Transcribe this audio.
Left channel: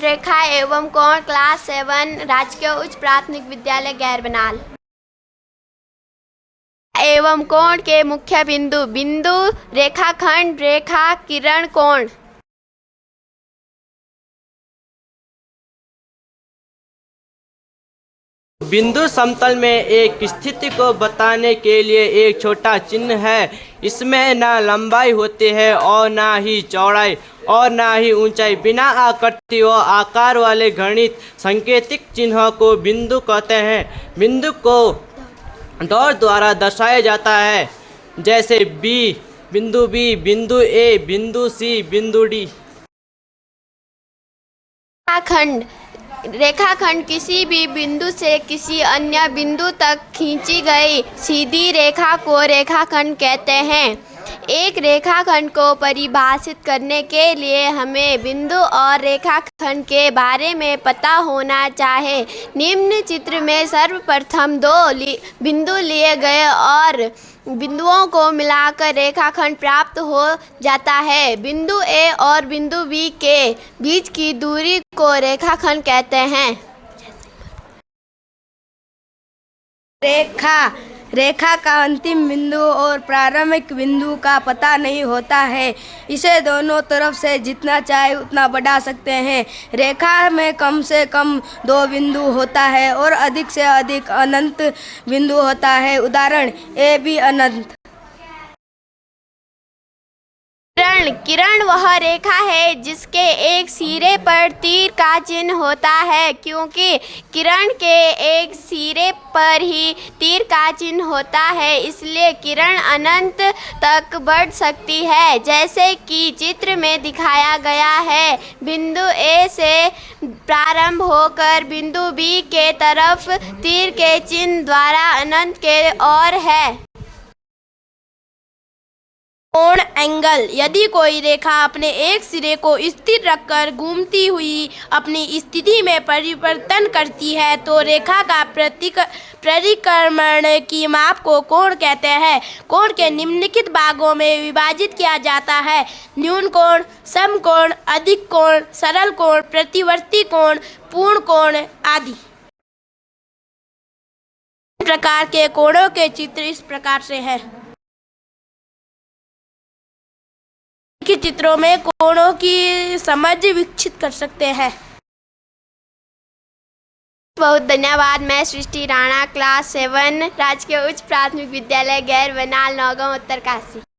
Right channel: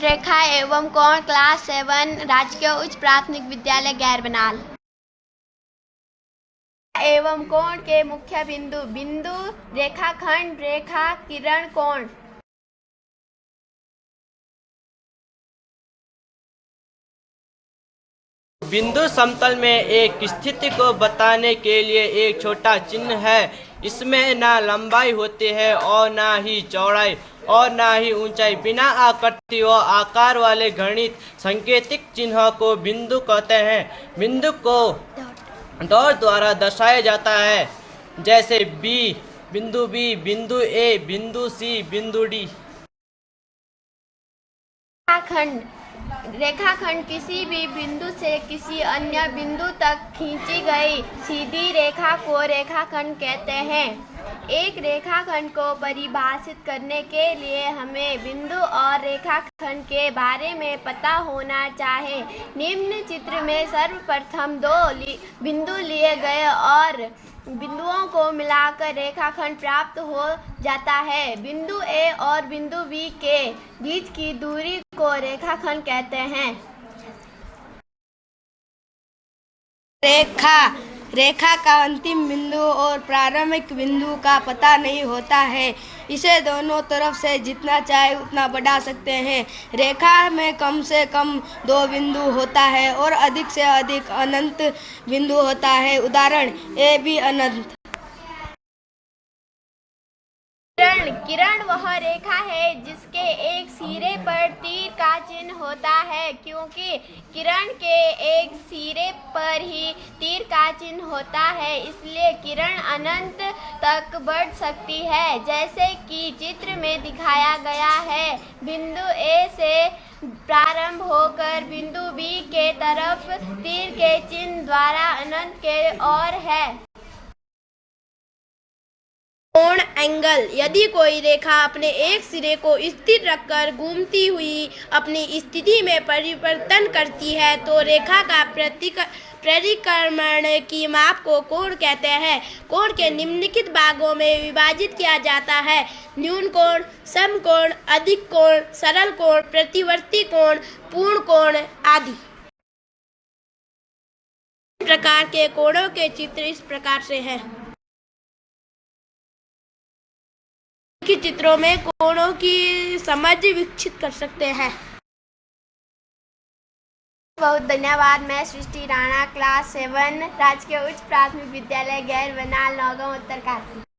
रेखा एवं कोण क्लास 7 राजकीय उच्च प्राथमिक विद्यालय गैर बनाल एवं कोण के मुख्य बिंदु बिंदु रेखाखंड रेखा किरण कोण। बिंदु समतल में एक स्थिति को बताने के लिए एक छोटा चिन्ह है। इसमें ना लंबाई होती है और ना ही चौड़ाई और ना ही ऊंचाई। बिना आकृति व आकार वाले गणित सांकेतिक चिन्हों को बिंदु कहते हैं। बिंदु को डॉट द्वारा दर्शाया जाता है, जैसे बिंदु बी, बिंदु ए, बिंदु सी, बिंदु डी। रेखाखंड किसी भी बिंदु से किसी अन्य बिंदु तक खींची गई सीधी रेखा को रेखाखंड कहते हैं। एक रेखाखंड को परिभाषित करने के लिए हमें बिंदु और रेखाखंड के बारे में पता होना चाहिए। निम्न चित्र में सर्वप्रथम दो बिंदु लिए गए और बिंदुओं को मिलाकर रेखाखंड प्राप्त हो जाता है। बिंदु ए और बिंदु बी के बीच की दूरी को रेखाखंड कहते हैं। रेखा का अंतिम बिंदु और प्रारंभिक बिंदु का पता नहीं होता है। इसे दोनों तरफ से जितना चाहे उतना बढ़ा सकते हैं। रेखा में कम से कम 2 बिंदु होता है और अधिक से अधिक अनंत बिंदु होता है। उदाहरण ए बी अनंत। किरण वह रेखा है जिसके एक सिरे पर तीर का चिन्ह होता है। क्योंकि किरण के एक सिरे पर ही तीर का चिन्ह होता है, इसलिए किरण अनंत तक बढ़ सकती है, जैसे कि चित्र में दिखाया गया है। बिंदु ए से प्रारंभ होकर बिंदु बी के तरफ तीर के चिन्ह द्वारा अनंत के ओर है। कोण एंगल। यदि कोई रेखा अपने एक सिरे को स्थिर रखकर घूमती हुई अपनी स्थिति में परिवर्तन करती है तो रेखा का परिक्रमण की माप को कोण कहते हैं। कोण के निम्नलिखित भागों में विभाजित किया जाता है: न्यून कोण, समकोण, अधिक कोण, सरल कोण, प्रतिवर्ती कोण, पूर्ण कोण आदि। प्रकार के कोणों के चित्र इस प्रकार से हैं। के चित्रों में कोणों की समझ विकसित कर सकते हैं। बहुत धन्यवाद। मैं सृष्टि राणा, क्लास 7 राजकीय उच्च प्राथमिक विद्यालय गैर बनाल, नौगांव, उत्तरकाशी।